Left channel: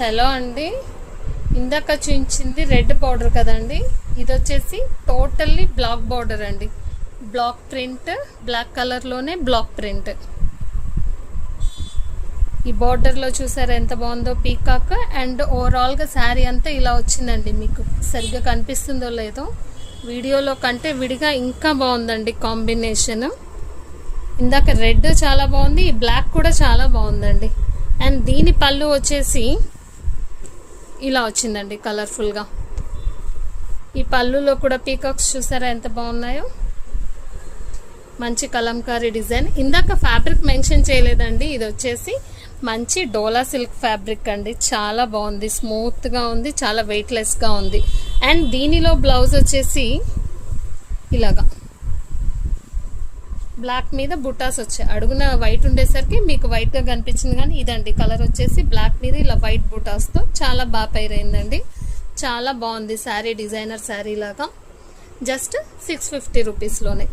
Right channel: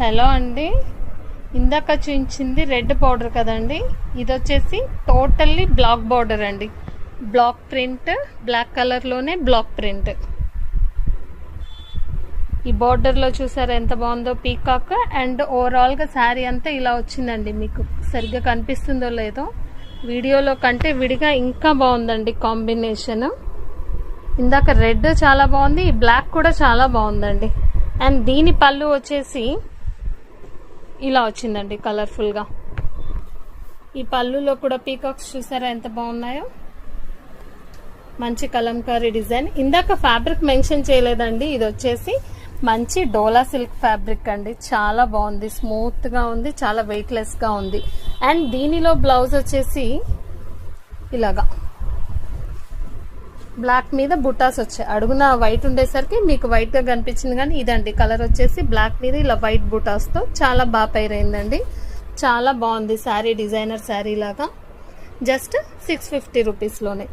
Hello అండి, ఇందాక చూపించింది రెడ్ బార్డర్ కదండి. ఇది వచ్చేసి టోటల్లీ బ్లాక్ బార్డర్ అండి. బ్లాక్ ప్రింట్, బ్లాక్ కలర్లోనే బ్లాక్ ప్రింట్. ఈ బార్డర్లో చూసారా ఎంత బాగుందో పీకాక్. అండ్ ఓవరాల్గా శారీ అంతా ఇలా వచ్చిందండి. మీకు సరిగ్గా కనిపిస్తుందో లేదో, వీడియోలో కంటే విడిగా ఇంకా బాగుందండి కాంబినేషన్. ఇందాక రెడ్ చాలా బాగుంది, ఈ బ్లాక్ కూడా చాలా బాగుందండి. అండ్ దీని పళ్ళు వచ్చేసి ఇలా వచ్చిందండి కలర్ఫుల్గా. ఈ పళ్ళులో కూడా పీకాక్స్ చూసారా ఎంత బాగున్నాయో. మంచి కలంకారీ డిజైన్. ఇందాక ఫ్యాబ్రిక్ మెన్షన్ చేయలేదండి. ఇది వచ్చేసి మంచి డోలా సిల్క్ ఫ్యాబ్రిక్ అండి. చాలా బాగుంది, స్మూత్గా ఉంది, చాలా వెయిట్లెస్గా ఉంది. అండ్ దీనిలో బ్లౌజ్ వచ్చేసి ఇలాగా బ్లాక్ మీద బుటాస్ వచ్చాయి. అడుగున వైట్ ఉండేసరికి మీకు వైట్గా కనిపించింది, కానీ ఇదండి కలర్ వచ్చేసి బ్లాక్ మీద ఇలా వైట్ బుటాస్తో చాలా బాగా పైరైందండి. చాలా బాగుంది శారీ, డిజైనర్ శారీ లాగా. జస్ట్ 650 రూపీస్లోనే.